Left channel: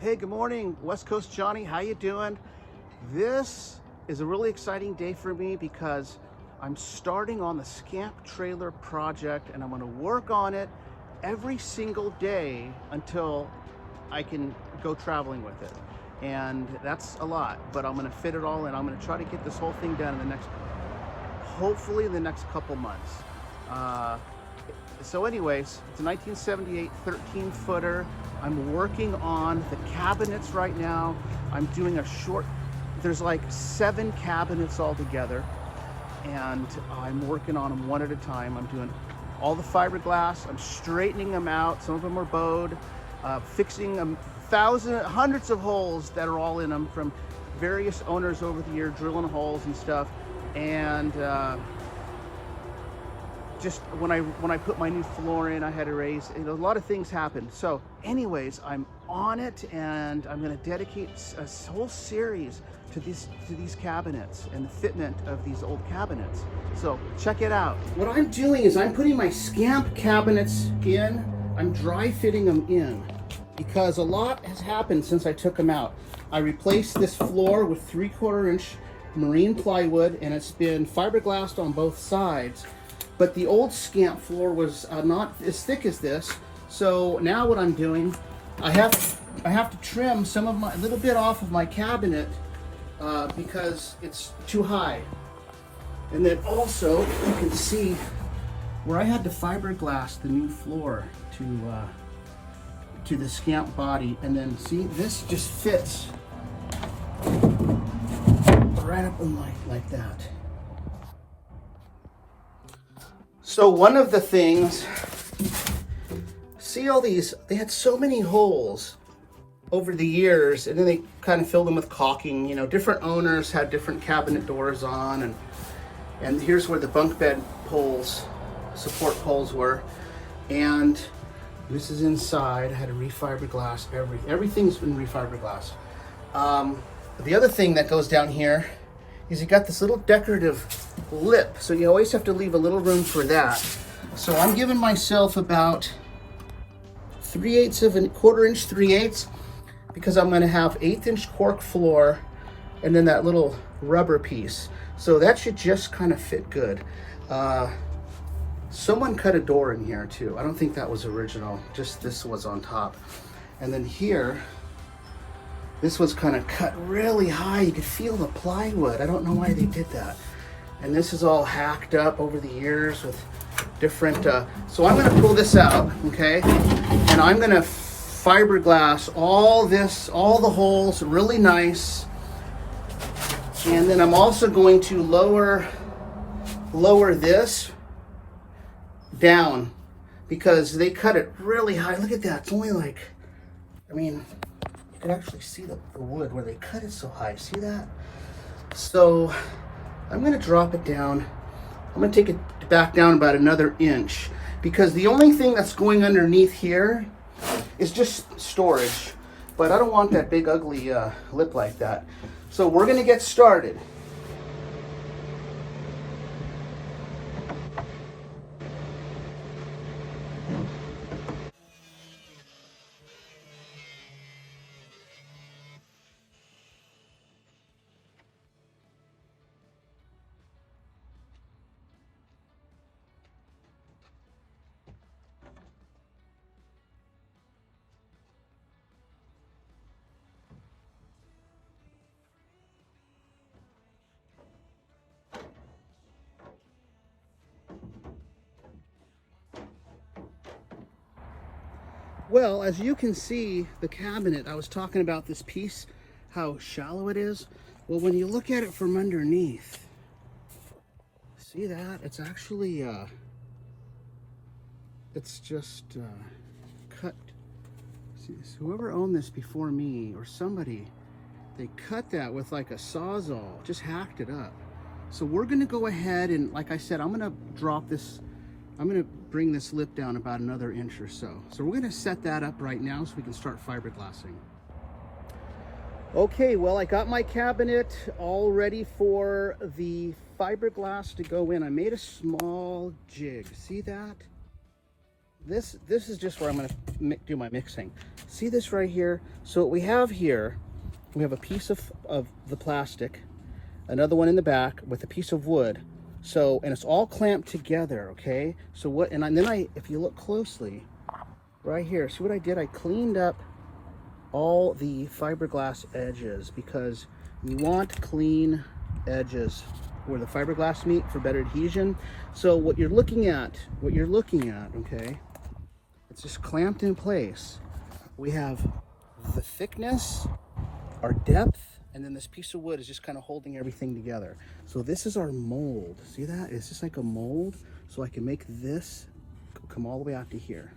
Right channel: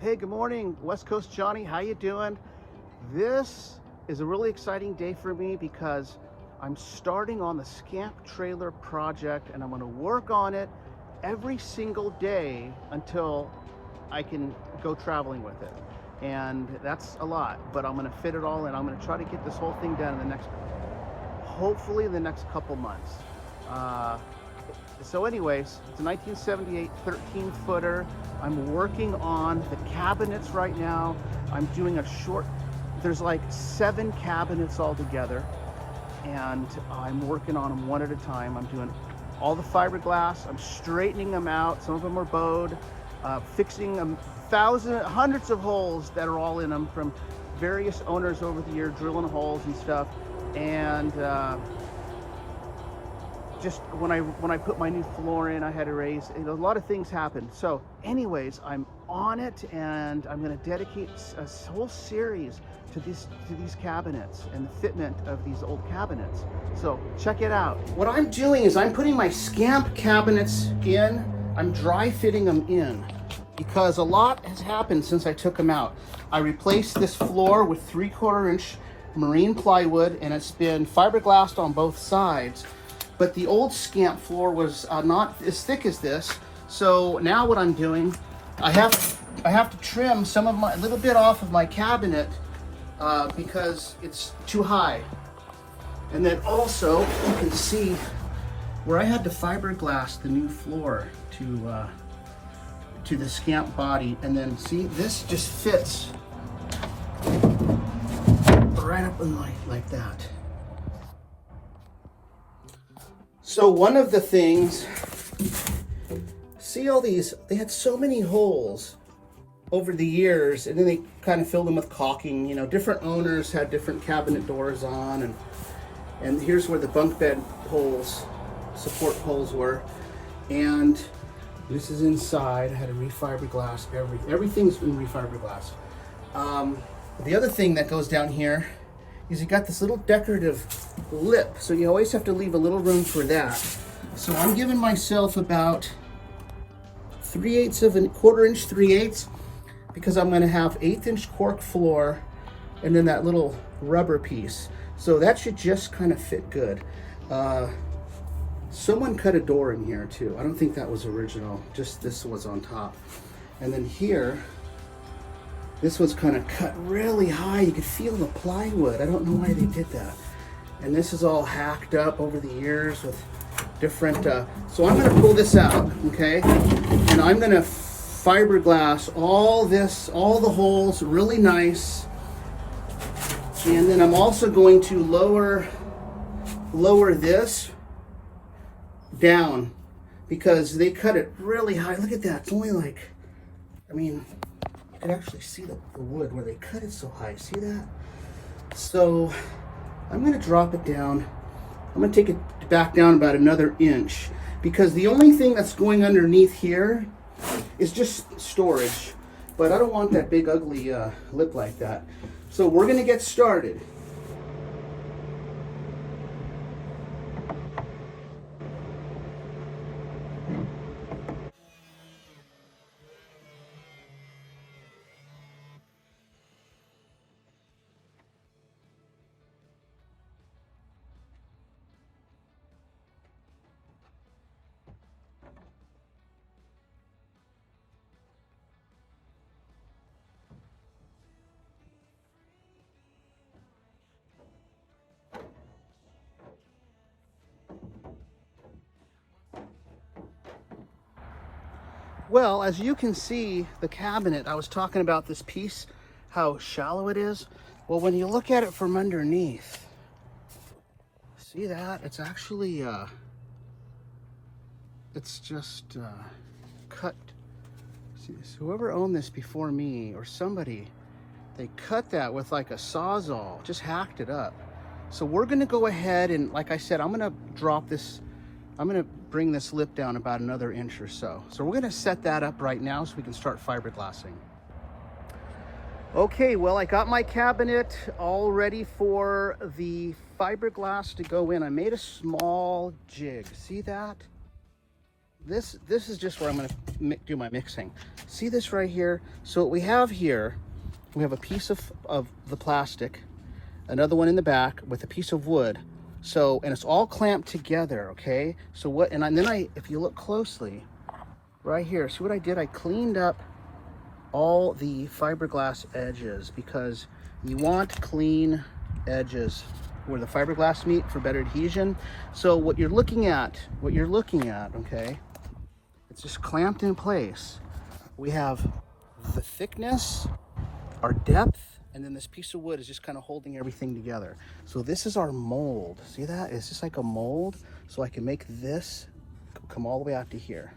Hey, good morning, West Coast Johnny. How you doing? This is a really exciting day for me because I'm starting on the Scamp trailer project, and I'm going to work on it every single day until I can go traveling with it. And that's a lot, but I'm going to fit it all in. I'm going to try to get this whole thing done in the next, hopefully in the next couple months. So anyways, it's a 1978 13-footer. I'm working on the cabinets right now. I'm doing there's like 7 cabinets all together, and I'm working on them one at a time. I'm doing all the fiberglass. I'm straightening them out. Some of them are bowed, fixing hundreds of holes that are all in them from various owners over the year, drilling holes and stuff. And just when I put my new floor in, I had to raise, a lot of things happened. So anyways, I'm on it, and I'm going to dedicate a whole series to these cabinets and the fitment of these old cabinets. So check it out. What I'm doing is I'm putting my Scamp cabinets in. I'm dry fitting them in because a lot has happened since I took them out. I replaced this floor with 3/4 inch marine plywood, and it's been fiberglassed on both sides. But the old Scamp floor was not as thick as this. So now what I'm doing, I have to trim a little bit off of my cabinet because it's too high. And then also you can see where I had to fiberglass the new floor to the Scamp body, and then see, this just fits right up in like that. So one of the things, see all these, they had so many holes over the years, and then they kind of filled them with caulking. You know, different owners had different cabinet doors on, and here's where the bunk bed holes, support holes were. And this is inside. I had to refiberglass everything's been refiberglass. The other thing that goes down here is you got this little decorative lip, so you always have to leave a little room for that. So I'm giving myself about 3/8 of a 1/4 inch 3/8, because I'm going to have 1/8 inch cork floor and then that little rubber piece. So that should just kind of fit good. Someone cut a door in here too. I don't think that was original, just this was on top. And then here, this was kind of cut really high. You could feel the plywood. I don't know why they did that. And this is all hacked up over the years with different, so I'm gonna pull this out, okay? And I'm gonna fiberglass all the holes really nice. And then I'm also going to lower this down because they cut it really high. Look at that, it's only like, I mean, you can actually see the wood where they cut it so high. See that? So I'm going to drop it down. I'm going to take it back down about another inch, because the only thing that's going underneath here is just storage. But I don't want that big ugly lip like that. So we're going to get started. Well, as you can see, the cabinet, I was talking about this piece, how shallow it is. Well, when you look at it from underneath, see that? It's actually, it's just cut. See this? Whoever owned this before me or somebody, they cut that with like a Sawzall, just hacked it up. So we're gonna go ahead and, like I said, I'm gonna drop this, I'm gonna bring this lip down about another inch or so. So we're gonna set that up right now so we can start fiberglassing. Okay, well, I got my cabinet all ready for the fiberglass to go in. I made a small jig, see that? this is just where I'm gonna do my mixing. See this right here? So what we have here, we have a piece of the plastic, another one in the back with a piece of wood. So, and it's all clamped together, okay? So what, and then if you look closely, right here, see what I did? I cleaned up all the fiberglass edges because you want clean edges where the fiberglass meet for better adhesion. So what you're looking at, okay, it's just clamped in place. We have the thickness, our depth, and then this piece of wood is just kind of holding everything together. So this is our mold. See that? It's just like a mold. So I can make this come all the way out to here.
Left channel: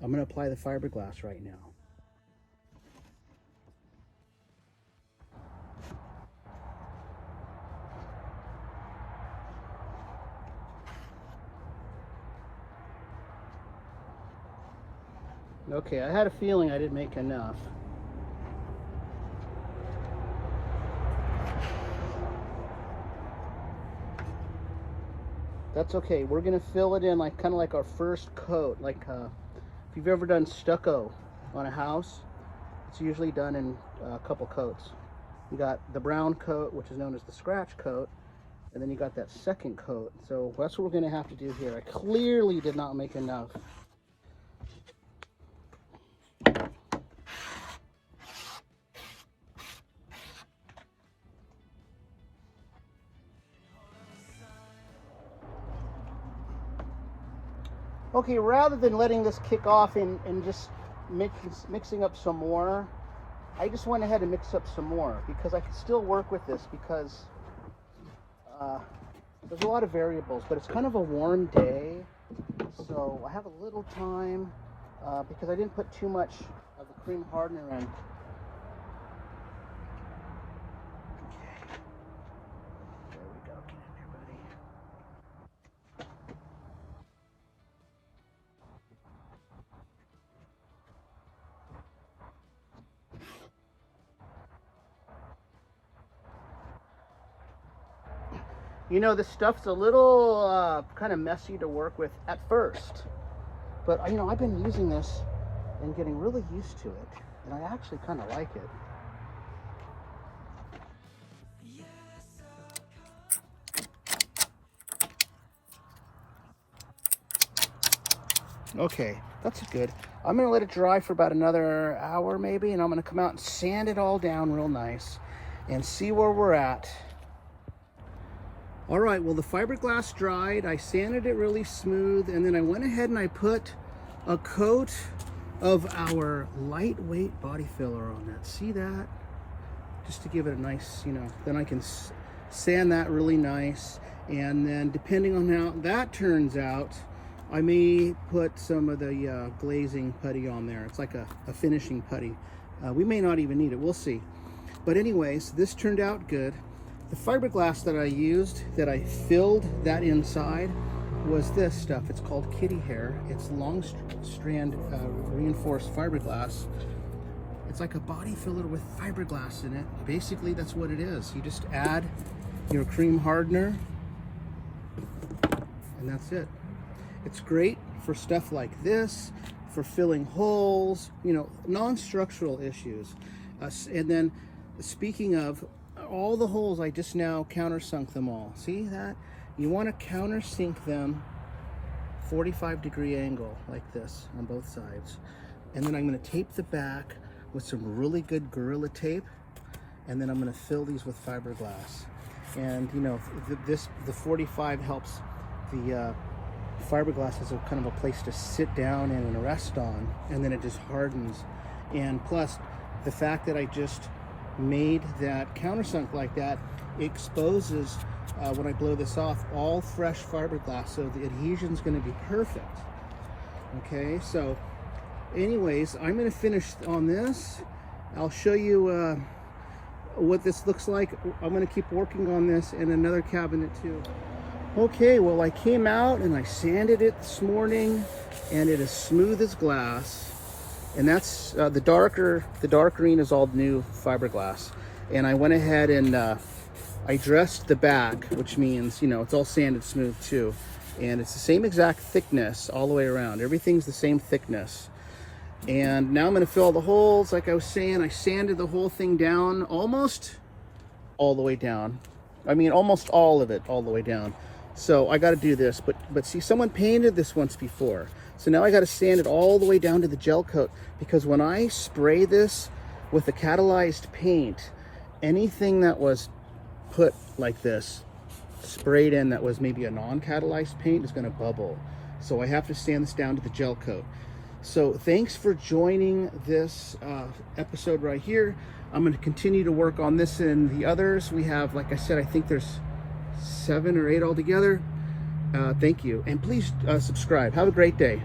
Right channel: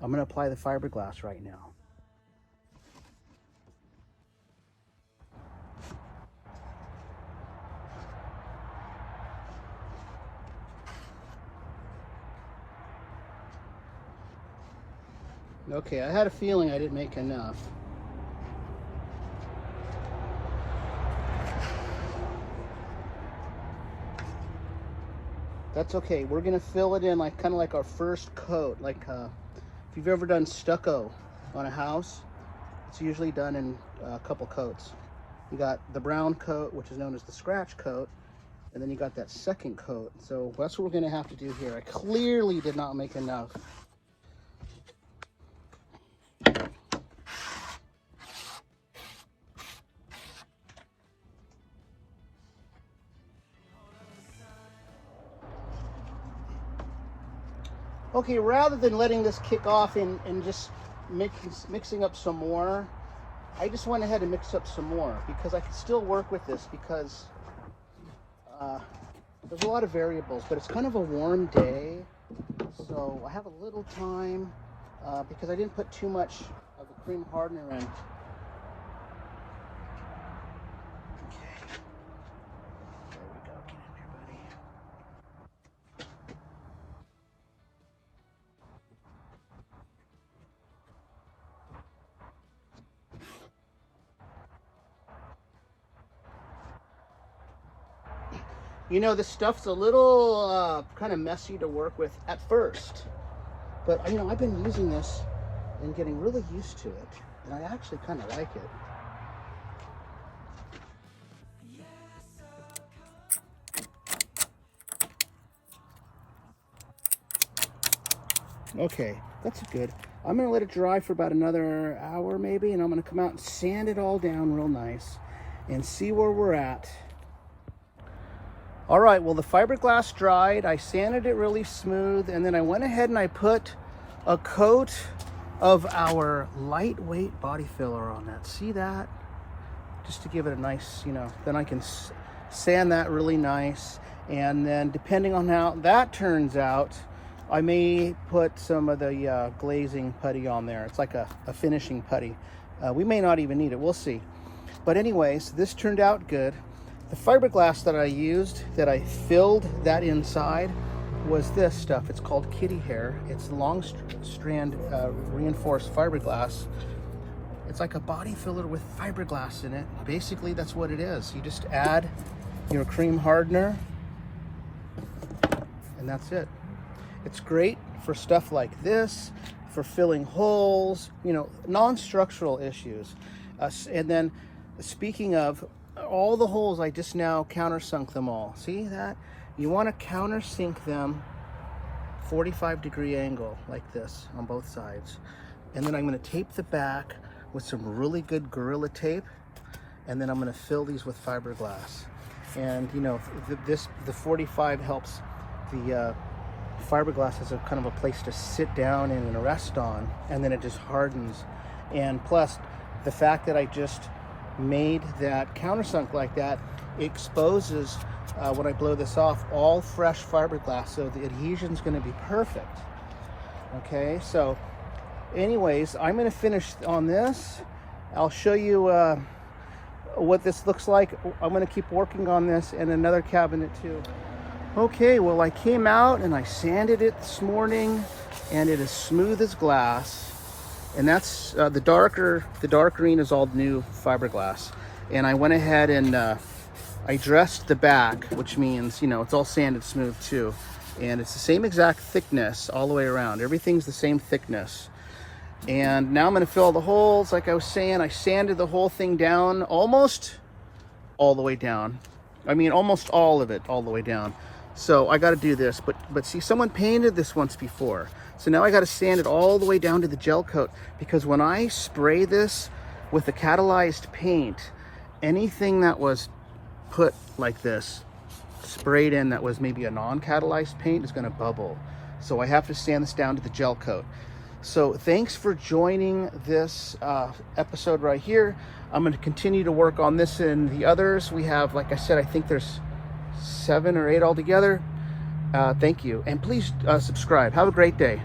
I'm gonna apply the fiberglass right now. Okay, I had a feeling I didn't make enough. That's okay. We're gonna fill it in like kind of like our first coat. Like if you've ever done stucco on a house, it's usually done in a couple coats. You got the brown coat, which is known as the scratch coat, and then you got that second coat. So that's what we're gonna have to do here. I clearly did not make enough. Okay, rather than letting this kick off and just mixing up some more, I just went ahead and mixed up some more because I can still work with this because there's a lot of variables, but it's kind of a warm day, so I have a little time because I didn't put too much of the cream hardener in. You know, this stuff's a little kind of messy to work with at first, but you know, I've been using this and getting really used to it, and I actually kind of like it. Okay, that's good. I'm gonna let it dry for about another hour maybe, and I'm gonna come out and sand it all down real nice and see where we're at. All right, well, the fiberglass dried, I sanded it really smooth, and then I went ahead and I put a coat of our lightweight body filler on that. See that? Just to give it a nice, you know, then I can sand that really nice. And then depending on how that turns out, I may put some of the glazing putty on there. It's like a finishing putty. We may not even need it, we'll see. But anyways, this turned out good. The fiberglass that I used, that I filled that inside, was this stuff. It's called kitty hair. It's long strand reinforced fiberglass. It's like a body filler with fiberglass in it. Basically, that's what it is. You just add your cream hardener, and that's it. It's great for stuff like this, for filling holes, you know, non-structural issues. And then, speaking of, all the holes, I just now countersunk them all. See that? You want to countersink them 45-degree angle like this on both sides. And then I'm going to tape the back with some really good Gorilla tape, and then I'm going to fill these with fiberglass. And you know, the 45 helps the fiberglass as a kind of a place to sit down in and rest on, and then it just hardens. And plus, the fact that I just made that countersunk like that exposes, when I blow this off, all fresh fiberglass, so the adhesion's going to be perfect. Okay, so anyways, I'm going to finish on this. I'll show you what this looks like. I'm going to keep working on this and another cabinet too. Okay, well, I came out and I sanded it this morning, and it is smooth as glass. And that's the dark green is all new fiberglass. And I went ahead and I dressed the back, which means, you know, it's all sanded smooth too. And it's the same exact thickness all the way around. Everything's the same thickness. And now I'm gonna fill the holes. Like I was saying, I sanded the whole thing down almost all the way down. I mean, almost all of it all the way down. So I gotta do this, but see, someone painted this once before. So now I gotta sand it all the way down to the gel coat, because when I spray this with the catalyzed paint, anything that was put like this, sprayed in, that was maybe a non-catalyzed paint, is gonna bubble. So I have to sand this down to the gel coat. So thanks for joining this episode right here. I'm gonna continue to work on this and the others. We have, like I said, I think there's 7 or 8 altogether. Thank you, and please subscribe. Have a great day.